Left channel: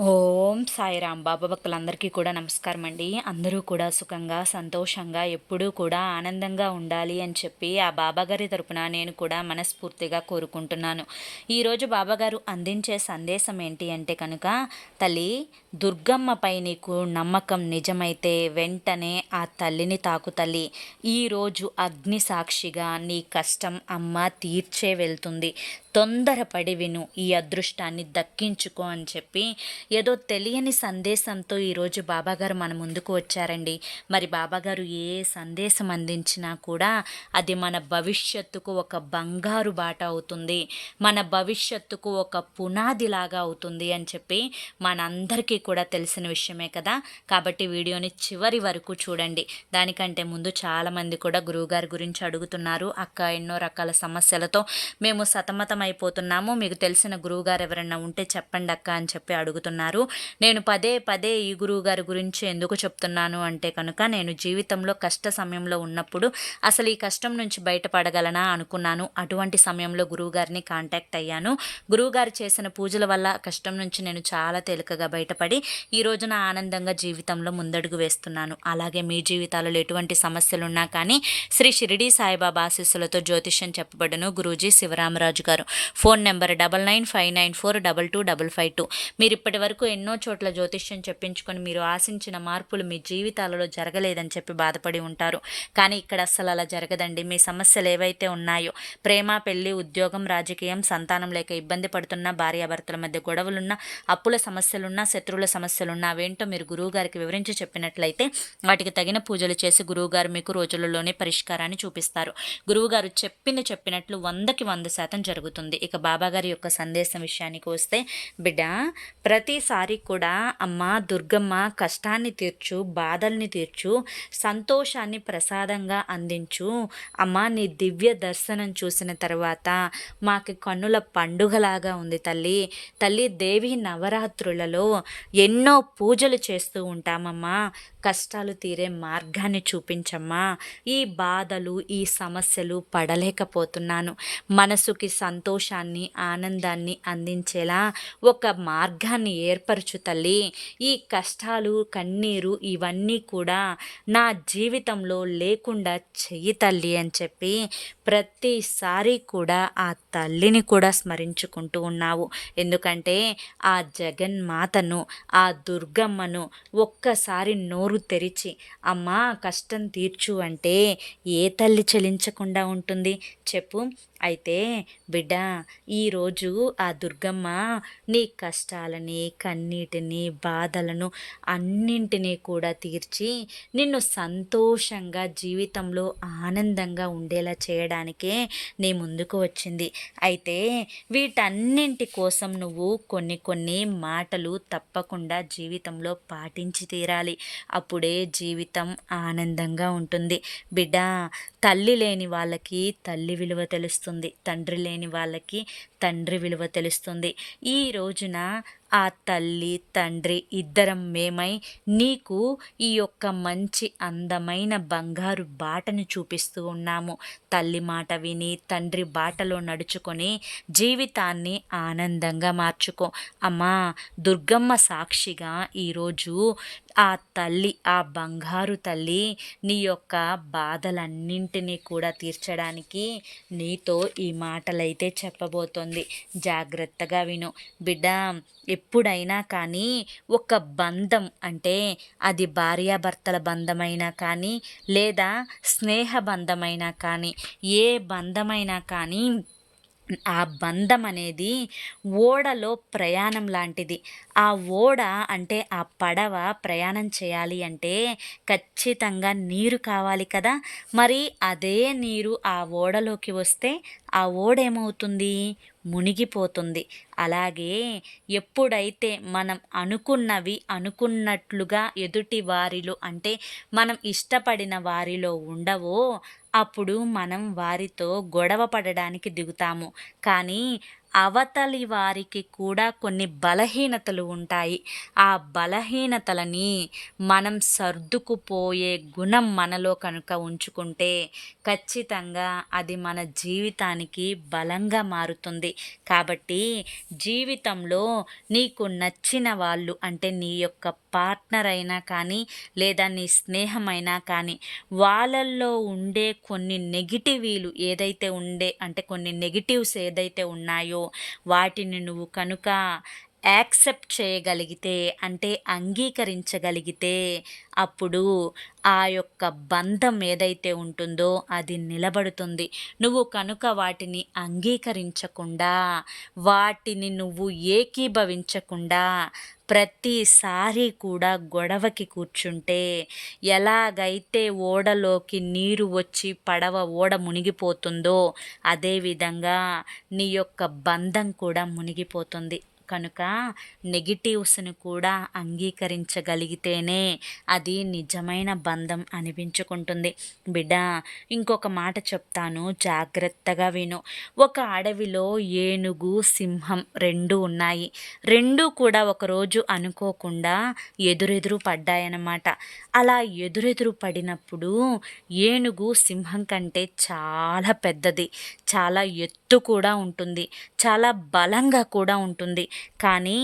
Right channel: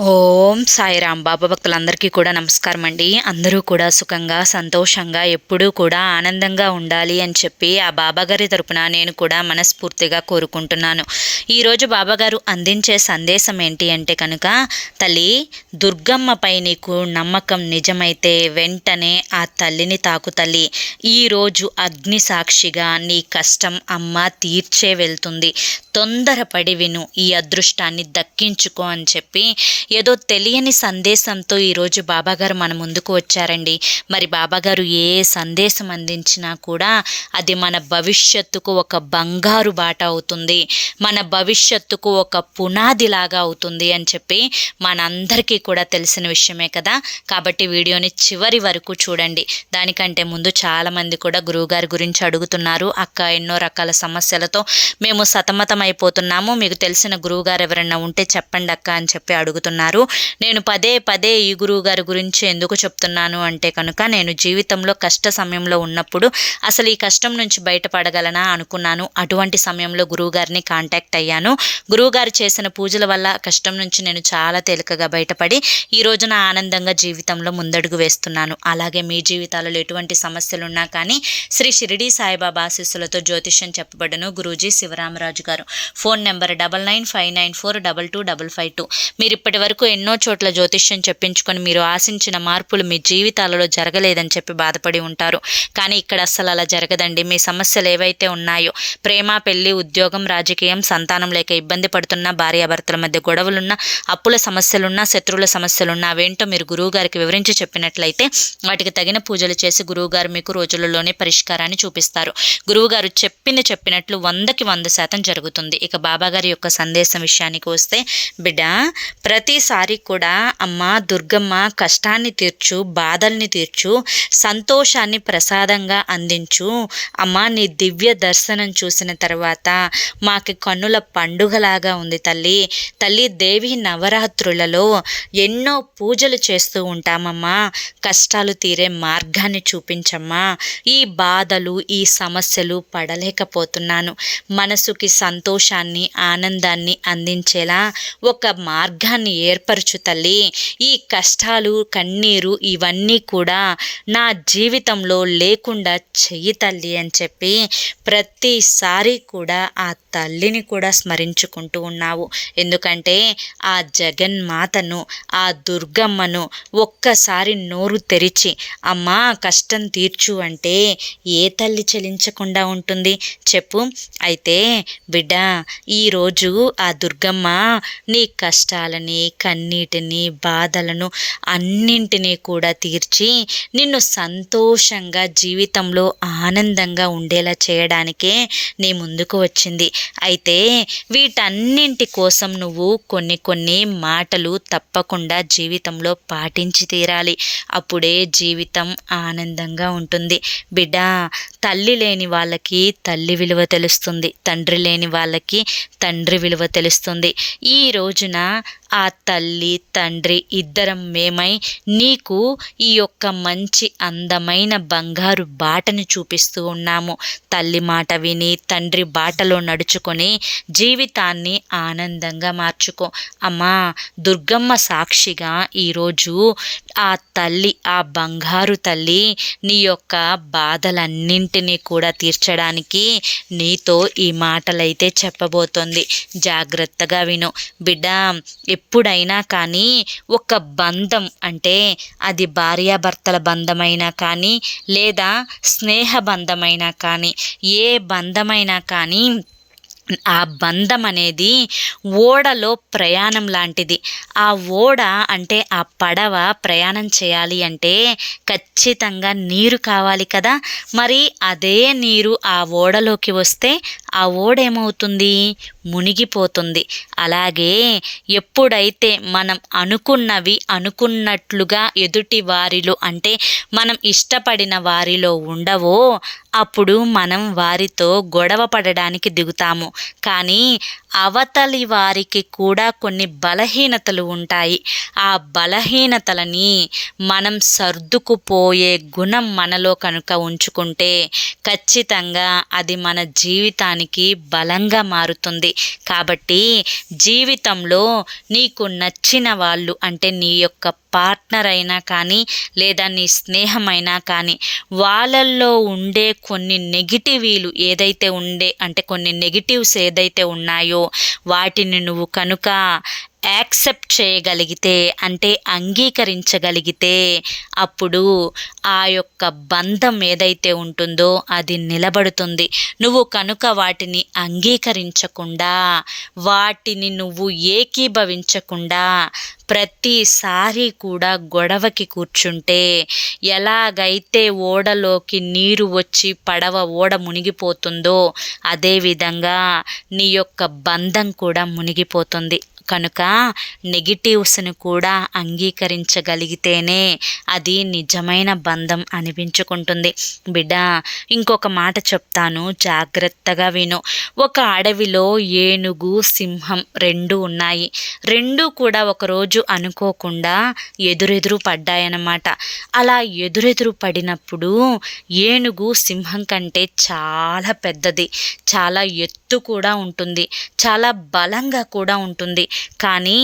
ఓం సాయిరాం. బాబా భక్తులందరికీ కూడా నమస్కారం అండి. అందరూ కూడా సుఖంగా సంతోషంగా ఎప్పుడూ కూడా ఆనందంగా ఉండాలి అని చెప్పి ఆ బాబాగారి తరపున నేను కూడా మనస్ఫూర్తిగా కోరుకుంటున్నాను. ఈరోజు బాబాగారు అందించే సందేశం ఏంటి అంటే కనుక, తల్లి దుర్గమ్మపై నీకు నమ్మకం నిజమైతే వెంటనే ఆ తల్లిని తాకు తల్లి. ఈరోజు అగ్ని సాక్షిగా నీ కష్టం అమ్మ తీర్చే వెళ్తుంది. తొందరపడి విను, ఈ అదృష్టాన్ని దక్కించుకో అని చెప్పి ఏదో తెలియని సందేశంతో ఈరోజు బాబాగారు మన ముందుకు వచ్చారండి. మరి బాబాగారు ఏ సందేశం అందించినా కూడా అది మన భవిష్యత్తుకు ఒక బంగారు బాట అవుతుంది, మన భవిష్యత్తుకు ఒక పునాదిలాగా అవుతుంది అని చెప్పి మనందరికీ కూడా తెలిసిన విషయమే కదా. కాబట్టి వీడియోని చివరి వరకు చూడండి. దానికంటే ముందు చాలామంది కూడా గురువుగారి గురించి అడుగుతున్నారు. అక్క, ఎన్నో రకాల సమస్యలతో మేము సతమతం అయిపోతున్నాము, మీకు తెలిసిన గురువుగారు ఎవరైనా ఉంటే చెప్పండి అక్క అని చెప్పి అడుగుతున్నారు. నేను పదే పదే ఈ గురువు గారి గురించి ఎందుకు చెప్తున్నాను అంటే కనుక, నేను జీవితంలో కష్ట సమయంలో ఉన్నప్పుడు అసలు ఈ కష్టం నుంచి బయటపడగలనా అనుకున్నాను. అటువంటి సమయంలో గురువుగారిని కాంటాక్ట్ అయ్యాను. గురువుగారు చేసిన పూజల వల్ల కష్టం నుంచి నేను చాలా తేలికగా బయటపడి ఈ రోజున ఆనందంగా జీవితంలో ముందడుగు వేస్తున్నాను. అలాగే మీ జీవితాలలో ఎటువంటి సమస్యలు ఉన్నా కానీ శ్రీ షిరిడి సాయిబాబా ఆశీస్సులతో జ్యోతిష్యం చెప్పబడను. గురూజీ శివరామరాజు గారు. Phone number 995994225552. మీరు ఇప్పటి వరకు ఎన్నో చోట్ల జ్యోతిష్యం చెప్పించుకొని మీరు ఆశించిన మార్పులు మీ జీవితాలలో జరగలేదని చెప్పి బాధపడి ఉంటారు. కానీ ఇక్కడ అస్సలు అలా జరగదండి. మీ సమస్యలు ఏవైతే ఉన్నాయో, ప్రేమ, పెళ్లి, ఉద్యోగం, రాజకీయం, సంతానం లేక ఇబ్బంది పడుతున్న, భార్యాభర్తల మధ్య గొడవలున్నా, అప్పుల సమస్యలున్నా, శత్రువుల సమస్యలున్నా, అవేంటో మీరు గురువు గారికి వివరించి చెప్పినట్లయితే వాటికి తగిన పూజలు చేసి గురువుగారు మీకు రోజులలోనే పరిష్కారాన్ని చూపిస్తారు. గురువుగారు చెప్పినట్లు 100కి 100% జరుగుతుంది. ఇక బాబాగారి యొక్క సందేశం విషయానికి వస్తే, బిడ్డ ప్రతిసారి కూడా అమ్మ దుర్గమ్మ కష్టాన్ని తీర్చు, బాధల్ని తీర్చు, సంతోషాన్ని ప్రసాదంగా అందించు. అమ్మ నీ దివ్య దర్శనం చూసిన తర్వాత మాకు కన్నుల పండుగలాగా ఉంది తల్లి. తల్లి దేవి నవరాత్రులలో ఎన్నో పూజలు చేస్తూ ఉంటామమ్మా. కష్టాలు తీరే మార్గాన్ని చూపించమ్మా. ఈ బాధలు, ఈ సమస్యలు పడలేకపోతున్నాను. మనసుకి సంతోషాన్ని, ఆనందాన్ని అందించేలా ఒక మార్గాన్ని ఏర్పరచు తల్లి. ఈ కష్టాలు, కన్నీరు ఇవన్నీ కూడా నా జీవితంలో లేకుండా చెయ్యి తల్లి అని చెప్పి ప్రతిసారి కూడా ఆ తల్లిని కూడా స్మరించుకుంటూ ఉన్నావు. ఎందుకంటే ఆ జగన్మాతను, ఆ దుర్గమ్మను ఒక్కసారి నోరు తెరిచి అమ్మా కష్టం తీర్చు అంటే ఏ తల్లి చెలించకుండా ఉంటుంది చెప్పు. అయితే బిడ్డ, ఈరోజు ఆ దుర్గమ్మ నీ కష్టాలని, కన్నీటిని, బాధలను అన్నింటినీ కూడా తీర్చి నిన్ను సంతోషంగా జీవితంలో ఆనందంగా ఉండేలా చేయడానికే నీ ముందుకు వచ్చింది. అయితే వీటన్నింటి కోసం నువ్వు కొన్ని మాటలు తప్పకుండా జీవితంలో పాటించి తీరాలి. అప్పుడే జీవితం ఆనందంగా ఉంటుంది. బిడ్డ, తల్లి లేని వాళ్ళకి తల్లి విలువ తెలుస్తుంది, తండ్రి లేని వాళ్ళకి తండ్రి విలువ తెలుస్తుంది. ఈ రోజున ఆ తల్లి, తండ్రి ఇద్దరం మేమై నీకు ఈ యొక్క మంచి అందమైన బంగారు బాటని చూపిస్తూ ఉన్నాము. తల్లి మాట విని, తండ్రి బాటలో నడుచుకొని జీవితాన్ని ఆనందంగా మార్చుకో. అమ్మా దుర్గమ్మ సాక్షిగా ఈరోజు ఆ తల్లి, ఆ బంగారు తల్లి నీ యొక్క బాధలన్నింటినీ కూడా తీర్చడానికి నీతో ఈ మాటలైతే చెప్పబోతోంది. జాగ్రత్తగా విను బిడ్డ. ఎప్పుడైనా కానీ ఒక బంధం అంటే అది భార్యాభర్తల బంధమైనా కానీ, లేదా స్నేహ బంధమైనా కానీ, ఏ బంధమైనా కానీ ఆ బంధం అనేది ఓడలో ప్రయాణం లాంటిది. ఆ ఓడ అంటే ఆ పడవ ప్రయాణం చేయాలి అంటే ఖచ్చితంగా నీరు కావాలి కదా. మరి అదే నీరు ఆ ఓడలోకి వస్తే ఆ ఓడ ఏమవుతుంది? మునిగిపోతుంది. అలాగే ఎప్పుడైతే మనం అనుకున్నవి అనుకున్నట్లుగా ఎదుటి వారిలో అంటే మనం ఇష్టపడిన వారిలో ఉండవో అప్పుడు మనం వారితో గొడవ పడడానికి దిగుతాము. కానీ అవతలి వారికి కూడా కొన్ని బలహీనతలు ఉంటాయి. ఆ బలహీనతలని మనం సర్దుకుపోయే గుణం మనలో కనుక ఉంచుకుంటే ఖచ్చితంగా అది మన జీవితానికి బలంగా మారుతుంది. కాబట్టి జీవితంలో నీకు నచ్చిన వాళ్ళు అంటే నీ యొక్క పార్ట్నర్ అయినా కానీ లేదా నీ స్నేహమైనా కానీ వాళ్ళల్లో ఉండే కొన్ని నెగిటివీలు ఏదైతే అంటే కొన్ని నెగిటివ్స్ ఏదైతే ఉన్నాయో వాటిని నువ్వు కనుక యాక్సెప్ట్ చేయగలిగితే అంటే అంగీకరించగలిగితే అప్పుడు ఆ యొక్క బంధం ఏదైతే ఉంటుందో అది నిలబడుతుంది. నువ్వు కనుక వాటిని అంగీకరించకుండా వాటిని నువ్వు ఏకీభవించకుండా ప్రతిసారి కూడా గొడవకి కూర్చుంటే ఎలాగైతే ఓడలోకి నీరు వచ్చి ఓడ మునిగిపోతుందో అదేవిధంగా నీ యొక్క బంధం కూడా మునిగిపోతుంది. కనుక నెగిటివ్స్ని కూడా అంగీకరించగలిగితేనే అది నిజమైన బంధం అనిపించుకుంటుంది. బిడ్డ, ఇంకొక మాట చెప్తాను, జాగ్రత్తగా విను. ఒక అడవిలో ఏనుగు, సింహం రెండు ఉన్నాయి. రెండు కూడా ఒకరోజు అనుకోకుండా ఎదురెదురు పడ్డాయన్నమాట. అలా ఎదురెదురు పడినప్పుడు ఏనుగు సింహం కంటే చాలా పెద్దది, చాలా ఎత్తు కూడా ఉంటుంది, చాలా బలంగా కూడా ఉంటుంది. కానీ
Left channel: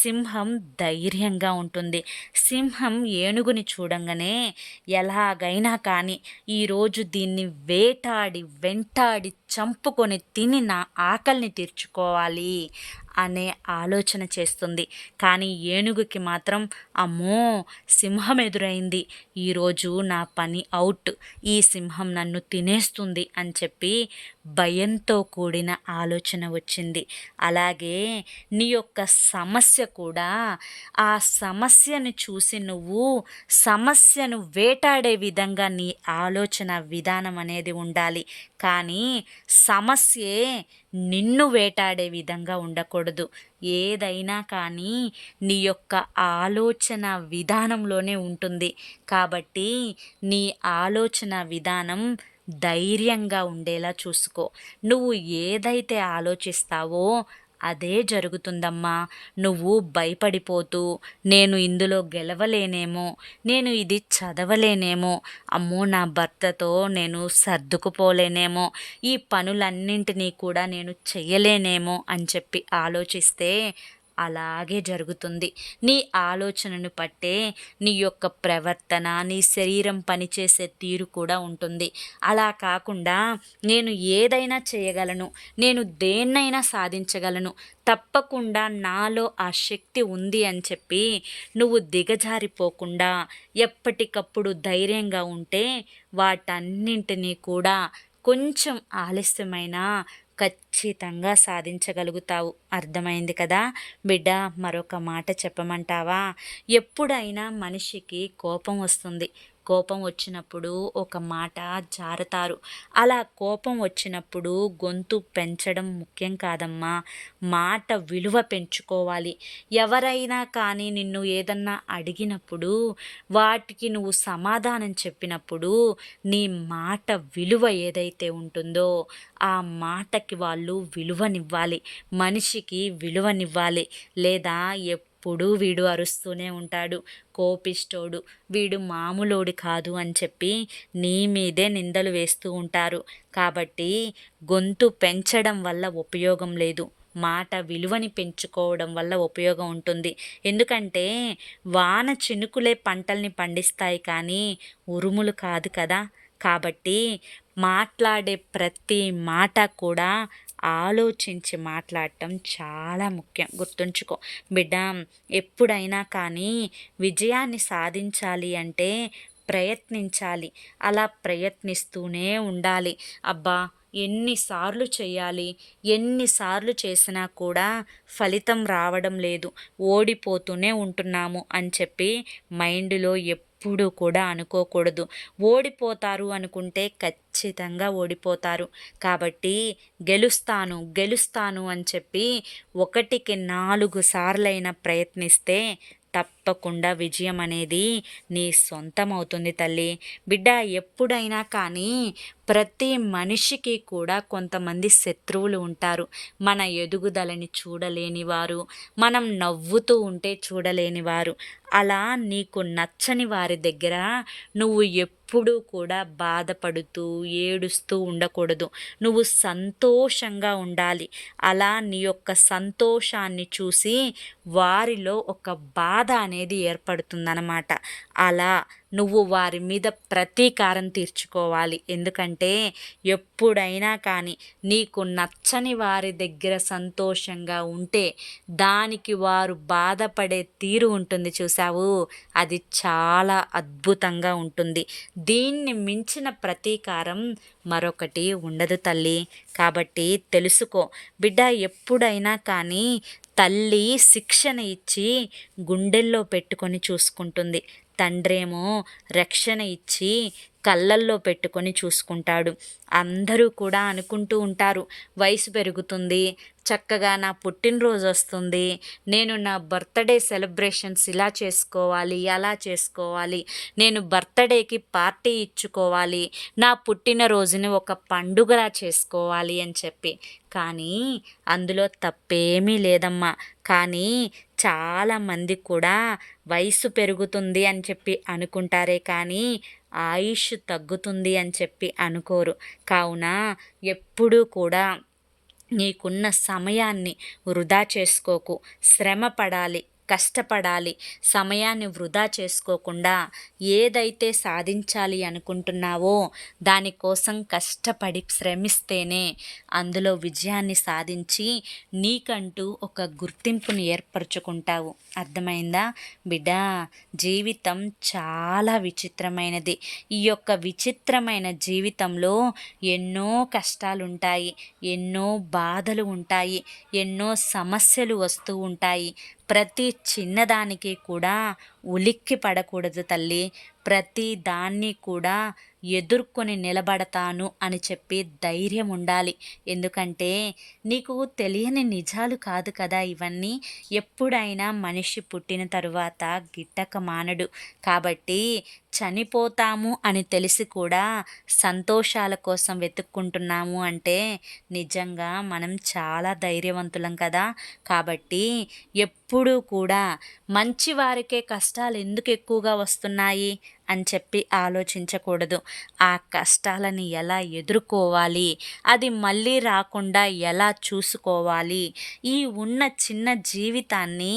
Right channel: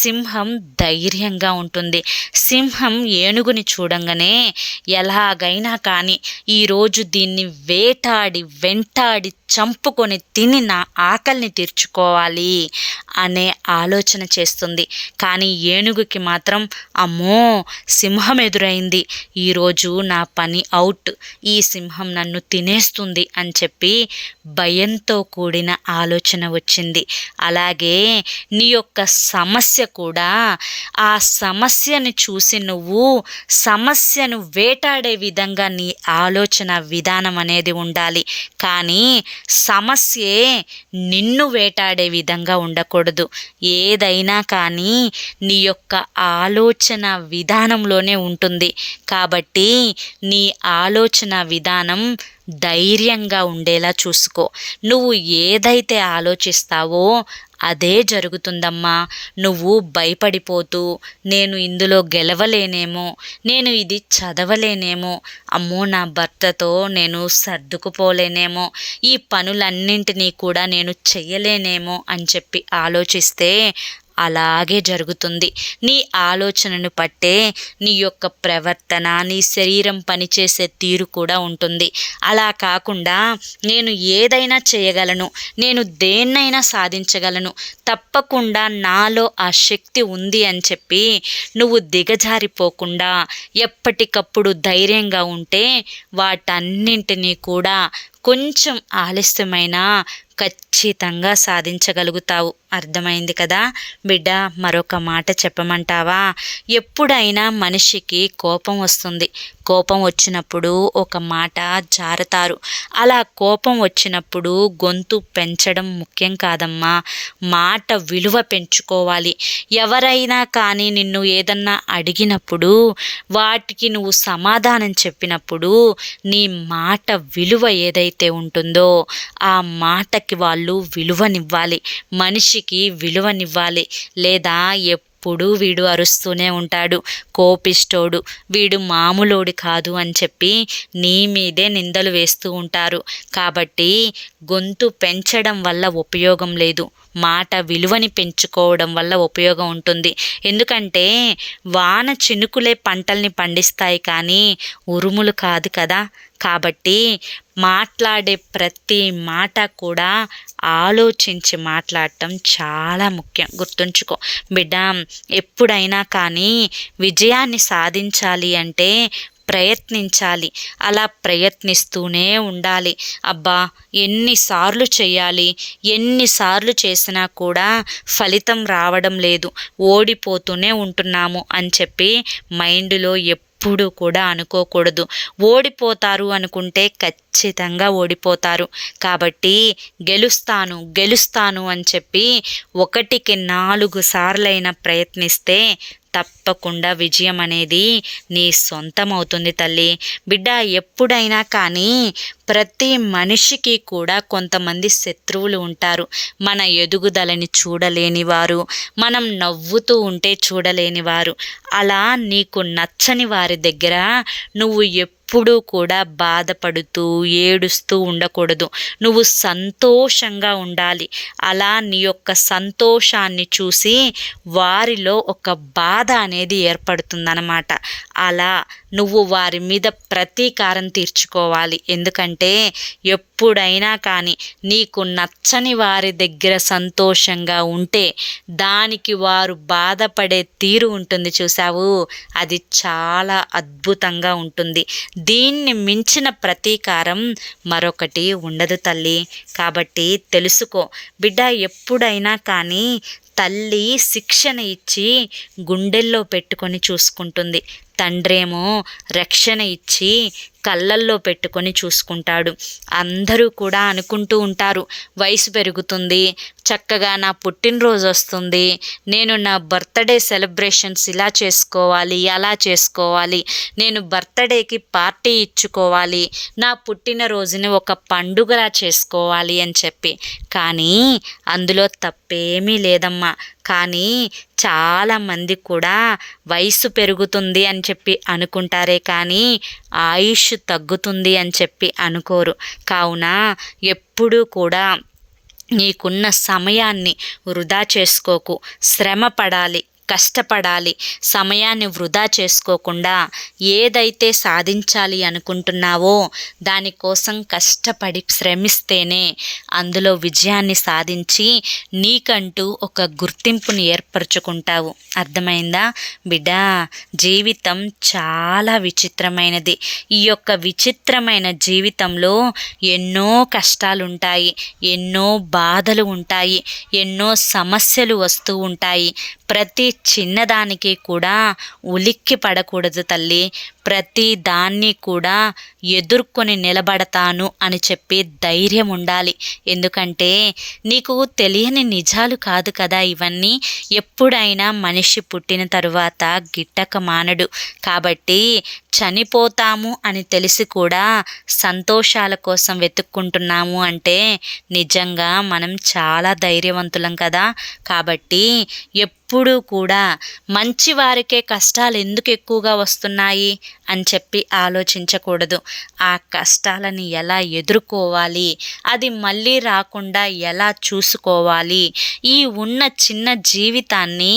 సింహం ధైర్యంగా ఉంటుంది. సింహం ఏనుగుని చూడంగానే ఎలాగైనా కానీ ఈరోజు దీన్ని వెంటాడి చంపుకొని తిని నా ఆకలిని తీర్చుకోవాలి అనే ఆలోచన చేస్తుంది. కానీ ఏనుగుకి మాత్రం అమ్మో సింహం ఎదురైంది, ఈరోజు నా పని అవుట్, ఈ సింహం నన్ను తినేస్తుంది అని చెప్పి భయంతో కూడిన ఆలోచన వచ్చింది. అలాగే నీ యొక్క సమస్య కూడా ఆ సమస్యను చూసి నువ్వు సమస్యను వేటాడే విధంగా నీ ఆలోచన విధానం అనేది ఉండాలి. కానీ సమస్యే నిన్ను వేటాడే విధంగా ఉండకూడదు. ఏదైనా కానీ నీ యొక్క ఆలోచన విధానంలోనే ఉంటుంది. కాబట్టి నీ ఆలోచన విధానం ధైర్యంగా ఉండేలా చూసుకో. నువ్వు ఏదైతే ఆలోచిస్తావో అదే జరుగుతుందమ్మా. నువ్వు భయపడిపోతూ నేను ఇందులో గెలవలేనేమో, నేను ఇది చదవలేనేమో, అమ్మో నా భర్తతో నేను సర్దుకుపోలేనేమో, ఈ పనులన్నింటినీ కూడా నేను చెయ్యలేనేమో అని చెప్పి ఆలోచిస్తే అలాగే జరుగుతుంది. నీ ఆలోచనను పట్టే నీ యొక్క ప్రవర్తన, నీ శరీరం పనిచేసే తీరు కూడా ఉంటుంది. అలా కాకుండా నేను ఏదైనా చేయగలను, నేను దేన్నైనా సాధించగలను, తప్పకుండా నాలో ఆ శక్తి ఉంది అని చెప్పి నువ్వు దిగజారిపోకుండా ఎప్పటికప్పుడు ధైర్యంగా ఉంటే వాటన్నింటినీ కూడా కొంచెం ఆలస్యమైనా ఖచ్చితంగా సాధించగలుగుతావు. అర్థమైంది కదా బిడ్డ? మరొక మాట చెప్పమంటావా? ఎప్పుడైనా మనిషికి కోపం వస్తుంది. కోపం వచ్చినప్పుడు ఒక మాట జారుతారు. అలా కోపం వచ్చినప్పుడు గొంతు పెంచడం ముఖ్యం కాదమ్మా, మాట విలువ పెంచుకోవాలి. ఎవరైనా కానీ నిన్ను ఏదన్నా అడిగినప్పుడు వాటికి నువ్వు సమాధానం చెప్పినప్పుడు నీ మాట విలువ ఏదైతే ఉంటుందో ఆ మాటకి వాళ్ళు విలువనివ్వాలి, మనిషికి విలువనివ్వాలి. లేదా ఎప్పుడు వీడు అరుస్తూనే ఉంటాడు, కోపిష్టోడు, వీడు మామూలోడి కాదు అని చెప్పి నీ మీదే నిందలు వేస్తూ ఉంటారు. కాబట్టి గొంతు పెంచడం వల్ల ఉపయోగం లేదు, మాట విలువని పెంచుకోవడం వల్ల ఉపయోగం ఉంటుంది. ఎందుకంటే వాన చినుకులే పంటల్ని పండిస్తాయి కానీ ఉరుములు కాదు కదా. కాబట్టి మాట్లాడే ప్రతి మాట కూడా ఆలోచించి మాట్లాడటం చాలా ముఖ్యం. గుర్తుంచుకో బిడ్డ, ఎప్పుడైనా కానీ విజయాన్ని సాధించాలి అంటే ప్రయత్నించాలి. అలా ప్రయత్నిస్తూనే ఉండాలి. అబ్బా ఎన్నిసార్లు చేయాలి, ఎన్నిసార్లు చేసినా కూడా ఫలితం రావడం లేదు, ఓడిపోతూనే ఉంటున్నాము అని చెప్పి మైండ్లో ఎప్పుడు కూడా అనుకోకూడదు. ఓడిపోతారు అనుకుంటే ఖచ్చితంగా ఓడిపోతారు. కాబట్టి గెలుస్తాను అని చెప్పి 1కి 4 సార్లైనా ప్రయత్నిస్తే తప్పకుండా విజయం అనేది నీ సొంతం అవుతుంది తల్లి. బిడ్డ, ఎప్పుడైనా కానీ ప్రతి మనిషికి కూడా కొంతమంది శత్రువులు ఉంటారు. మన ఎదుగుదలని చూడలేనివారు, మనం నవ్వుతూ ఉంటే చూడలేనివారు. అలా నీకు నచ్చని వారి దగ్గర నువ్వు ఎప్పుడూ కూడా బాధపడుతూ ఏడుస్తూ ఉండకూడదు. నువ్వు సంతోషంగా ఉండాలి. అలా నీ యొక్క సంతోషాన్ని చూసి వారిలో ఒక బాధ అనేది ఏర్పడుతుందన్నమాట. అలా నువ్వు వారి మీద ప్రతీకారం తీర్చుకోవాలి. ఎందుకంటే ఎప్పుడైనా కానీ నీకు నచ్చని వారి దగ్గర సంతోషంగా ఉంటే దానికి వారు బాధపడే తీరు ఉంటుంది చూసావు, అది చాలా అద్భుతంగా ఉంటుంది. దీన్ని మించిన ప్రతీకారం మరొకటి ఉండదు తల్లి. కాబట్టి తెలుసుకో బిడ్డ, ఎప్పుడైనా కానీ తల్లి శిక్షణ ఇచ్చి గుండెల్లో పెట్టుకొని చూసుకుంటుంది. తండ్రేమో రక్షణ ఇచ్చి కళ్ళల్లో పెట్టుకొని చూసుకుంటాడు. అందరూ కూడా అనుకుంటూ ఉంటారు, వయసు పెరుగుతుంది, చక్కగా నా పుట్టినరోజు వస్తుంది, నేను నా బర్త్డే సెలబ్రేషన్స్ ఇలా చేసుకోవాలి, అలా చేసుకోవాలి, నేను బర్త్డేకి పార్టీ ఇచ్చుకోవాలి, నా పుట్టినరోజుని ఒక పండుగలా చేసుకోవాలి అని చెప్పి. కానీ అందులో తప్పేమీ లేదమ్మా. కానీ చాలామంది కూడా వయసు పెరుగుతుంది అని చెప్పి అనుకుంటారే కానీ ఆయుష్ తగ్గుతుంది అని చెప్పి అనుకోరు. కావున ఎప్పుడూ కూడా నీకున్న సమయాన్ని వృధా చేసుకోకు. శ్రమ పడాలి, కష్టపడాలి. సమయాన్ని వృధా చేసుకోకుండా ఏదైతే సాధించాలి అనుకుంటున్నావో దానికోసం కష్టపడి శ్రమిస్తేనే అందులో విజయాన్ని సాధించి నీకంటూ ఒక గుర్తింపుని ఏర్పరచుకుంటావు. అర్థమైందా బిడ్డ? జీవితం చాలా విచిత్రమైనది. ఈ యొక్క విచిత్రమైన జీవితంలో ఎన్నో కష్టాలుంటాయి, ఎన్నో బాధలు ఉంటాయి, ఎన్నో సమస్యలు వస్తూ ఉంటాయి. ప్రతి చిన్నదానికి కూడా ఉలిక్కి పడకూడదు తల్లి. ప్రతి దాన్ని కూడా ఎదుర్కొని నిలబడతాను అని చెప్పి ధైర్యం ఉండాలి. ఎందుకంటే నీకు తెలియని నిజాలు కాదు కదా ఇవన్నీ. ఎప్పుడైనా మనిషి పుట్టిన తరువాత గిట్టక మానడు. కాబట్టి చనిపోతాము అని తెలిసి కూడా సంతోషాల కోసం వెతుక్కుంటున్నాము అంటే నిజంగా మనం చాలా ధైర్యవంతులం కదా. కాబట్టి ఎప్పుడూ కూడా మంచి వారికే కష్టాలు ఎందుకు ఎక్కువగా వస్తున్నాయి అని చెప్పి ఆలోచించకూడదు. ఆ కష్టాలని ఎలా ఎదుర్కోవాలి, అది మళ్ళీ రాకుండా ఎలా చూసుకోవాలి, ఈ ఉన్న చిన్న జీవితాన్ని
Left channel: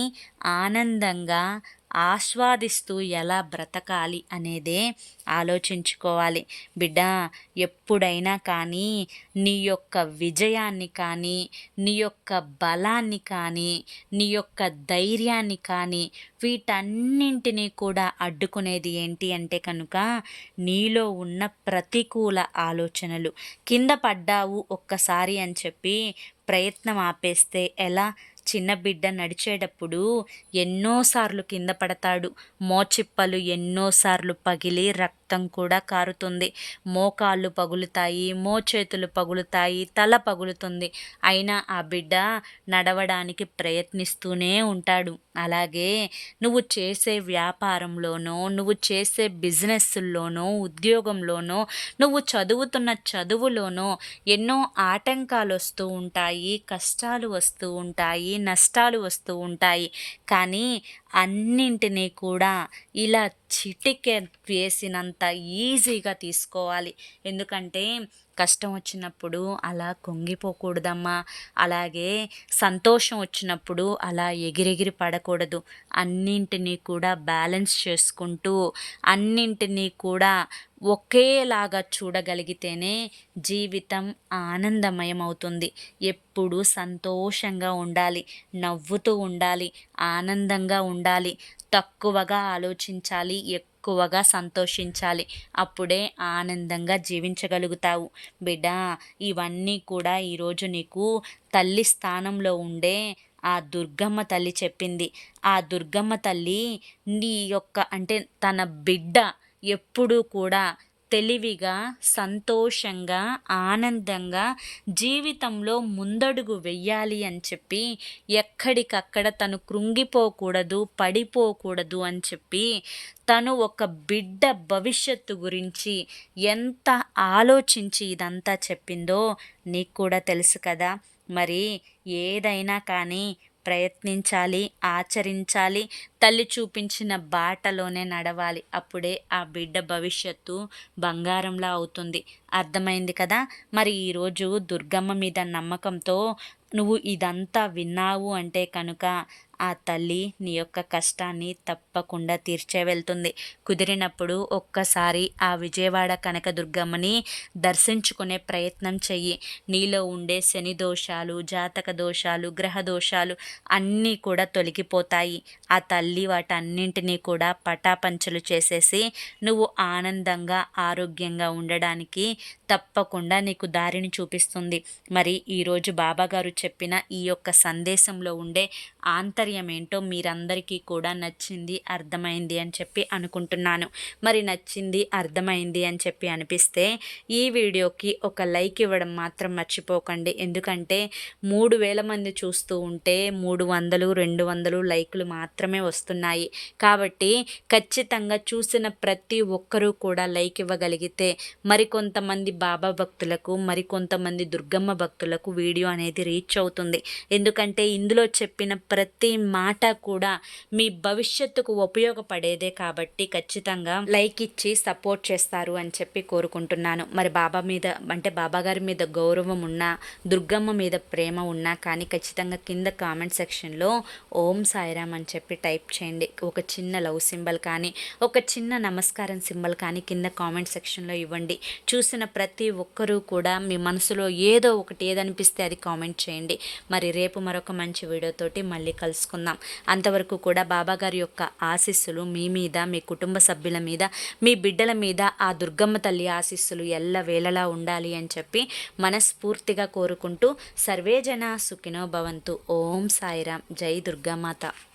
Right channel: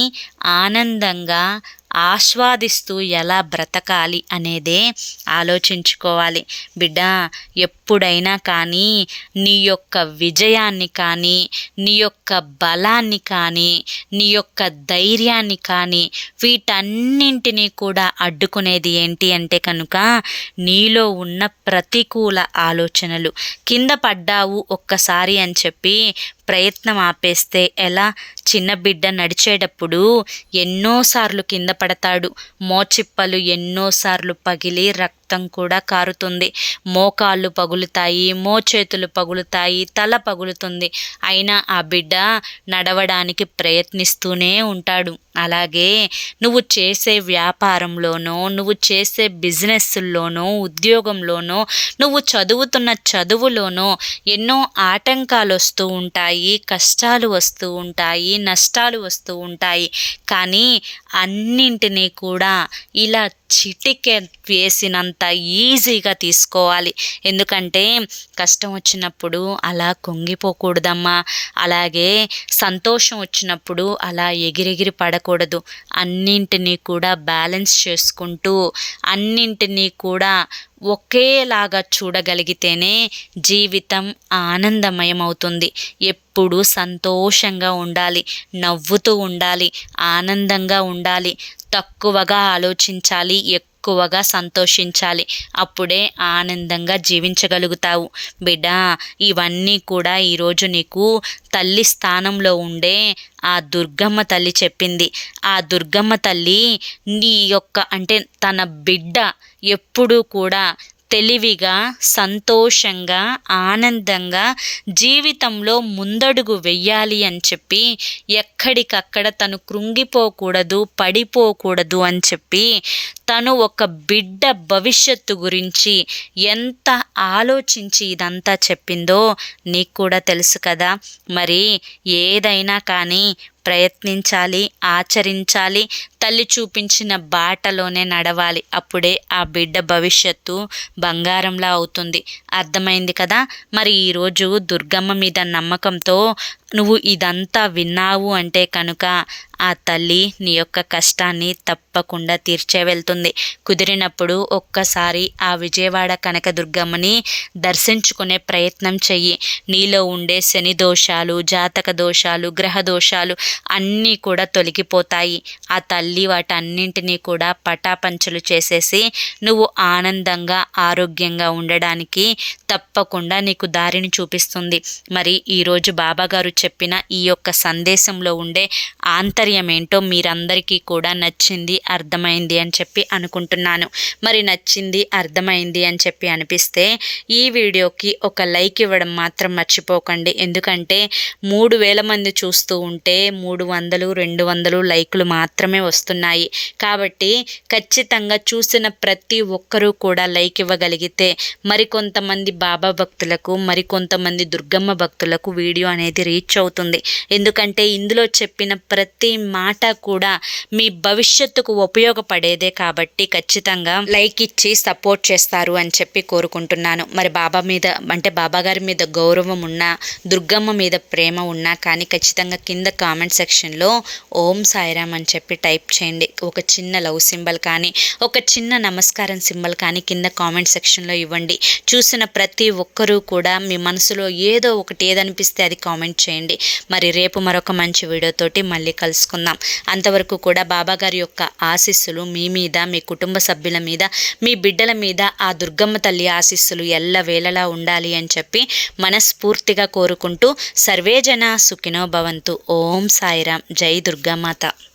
ఆనందంగా ఆస్వాదిస్తూ ఎలా బ్రతకాలి అనేదే ఆలోచించుకోవాలి. బిడ్డ, ఎప్పుడైనా కానీ నీ యొక్క విజయాన్ని కానీ, నీ యొక్క బలాన్ని కానీ, నీ యొక్క ధైర్యాన్ని కానీ వీటన్నింటినీ కూడా అడ్డుకునేది ఏంటి అంటే కనుక నీలో ఉన్న ప్రతికూల ఆలోచనలు. కింద పడ్డావు ఒక్కసారి అని చెప్పి ప్రయత్నం ఆపేస్తే ఎలా? చిన్న బిడ్డ నడిచేటప్పుడు ఎన్నోసార్లు కింద పడతాడు. మోచిప్పలు ఎన్నోసార్లు పగిలి రక్తం కూడా కారుతుంది. మోకాళ్ళు పగులుతాయి, మోచేతులు పగులుతాయి, తల పగులుతుంది. అయినా ఆ బిడ్డ నడవడానికి ప్రయత్నిస్తూనే ఉంటాడు. అలాగే నువ్వు చేసే వ్యాపారంలోనో, నువ్వు చేసే బిజినెస్లోనో, ఉద్యోగంలోనో, నువ్వు చదువుతున్న చదువులోనో ఎన్నో ఆటంకాలు వస్తూ ఉంటాయి, కష్టాలు వస్తూ ఉంటాయి, నష్టాలు వస్తూ ఉంటాయి. కానీ అన్నింటినీ కూడా ఇలా చిటిక వేసినంత ఈజీగా తీసుకోవాలి. ఎందుకంటే కష్టం వచ్చినప్పుడు అలా కుంగిపోకూడదమ్మా. అలాగే సంతోషం వచ్చినప్పుడు అలా ఎగిరెగిరి పడకూడదు. అన్నింటినీ కూడా బ్యాలెన్స్ చేసుకుంటూ అన్నింటినీ కూడా ఒకేలాగా చూడగలిగితేనే జీవితం ఆనందమయం అవుతుంది. ఎప్పుడూ సంతోషంగా ఉండాలి, నవ్వుతూ ఉండాలి, ఆనందంగా ఉండాలి, తక్కువగా ఆలోచించాలి, ఎక్కువగా సంతోషించాలి. అప్పుడే ఆనందంగా జీవించగలుగుతావు. బిడ్డ, ఇవన్నీ కూడా ఈరోజు నీకు తల్లి స్థానంలో ఉండే ఆ దుర్గమ్మ తల్లి చెప్పింది. ఆ దుర్గమ్మ తల్లి నీ యొక్క అంటే తన బిడ్డ ఎప్పుడూ కూడా తెలివిగా, సంతోషంగా, ఆనందంగా జీవితంలో ముందడుగు వెయ్యాలి అని చెప్పి ఎక్కడికక్కడ తను కృంగిపోకూడదు, పడిపోకూడదు అని చెప్పి తను ఒక బిడ్డ భవిష్యత్తు గురించి ఎంత ఆలోచించి ఇదంతా చెప్పిందో నీకు కూడా తెలుసు కదా. మరి ఏదైనా కానీ ప్రయత్నించాలి, ఆచరించాలి, తల్లి చూపించిన బాటలోనే నడవాలి. అప్పుడే ఆ బిడ్డ భవిష్యత్తు బంగారంలా అవుతుంది. అర్థమైంది కదా. మరి ఈరోజు దుర్గమ్మ మీద నమ్మకంతో నువ్వు ఇదంతా విన్నావు అంటే కనుక ఆ తల్లి నీ యొక్క కష్టాన్ని తప్పకుండా తీర్చే వెళ్తుంది. కుదిరినప్పుడు ఒక్కసారి ఆ విజయవాడ కనకదుర్గమ్మని దర్శించుకునే ప్రయత్నం చెయ్యి. నీలో ఉండే శని దోషాలు, జాతక దోషాలు, గ్రహ దోషాలు అన్నీ కూడా తొలగిపోతాయి. ఆ తల్లి వాటన్నింటినీ కూడా పటాపంచలు చేసేసి నువ్వు ఆనందంగా, ఆరోగ్యంగా ఉండడానికి తప్పకుండా నీకు దారిని చూపిస్తుంది. మరి ఈరోజు బాబాగారు చెప్పిన ఈ యొక్క సందేశంలో ఉండే ఆంతర్యం ఏంటో మీరందరికీ కూడా నచ్చింది, అర్థమైంది అని చెప్పి అనుకుంటున్నాను. మరి నచ్చింది, అర్థమైంది అని చెప్పి అనిపిస్తే ఈ వీడియోకి ఒక లైక్ ఇవ్వడం మాత్రం మర్చిపోకండి. ఎందుకంటే 3000 మంది చూస్తూ ఉంటే 300, 200 లైకులు మాత్రమే వస్తున్నాయి. కాబట్టి ఖచ్చితంగా చూసిన ప్రతి ఒక్కరూ కూడా లైక్ ఇవ్వగలిగితే మరికొంతమంది బాబా భక్తులకు, మరికొంతమంది దుర్గమ్మ భక్తులకు వీడియో అనేది రీచ్ అవుతుంది. ఎందుకంటే ఇందులో చెప్పిన ప్రతి మాట కూడా మీ భవిష్యత్తుకు ఉపయోగపడేదే. కాబట్టి ఖచ్చితంగా లైక్ ఇచ్చి సపోర్ట్ చేస్తారు అని చెప్పి కోరుకుంటున్నాను. మరి బాబా మీద అంటే బాబాగారి మీద గౌరవం ఉన్నా, దుర్గమ్మ మీద ప్రేమ ఉన్నా కానీ ఖచ్చితంగా కింద కామెంట్ సెక్షన్లో ఓం సాయిరామ్ అని చెప్పి టైప్ చేయండి. ఒక చిన్న లవ్ సింబల్ కానీ, ఒక చిన్న నమస్కారం సింబల్ కానీ కింద కామెంట్ సెక్షన్లో ఇవ్వండి. చూసిన ప్రతి ఒక్కరూ కూడా మీ మనసులో ఏదో ఒకటి ఏదనిపిస్తే అది కామెంట్ చేయండి. మరి రేపు మరొక మంచి వీడియోతోటి మళ్ళీ కలుసుకుందాం. అంతవరకు కూడా బాబాగారి యొక్క ఆశీస్సులు మీ మీద, మీ కుటుంబ సభ్యుల మీద, మీ బిడ్డల మీద ఆ దుర్గమ్మ తల్లి ఆశీస్సులు ఎల్లవేళలా ఉండాలి అని చెప్పి మనస్ఫూర్తిగా కోరుకుంటూ సర్వే జన సుఖినో భవంతు. ఓం సాయిరామ్. జై దుర్గామాత.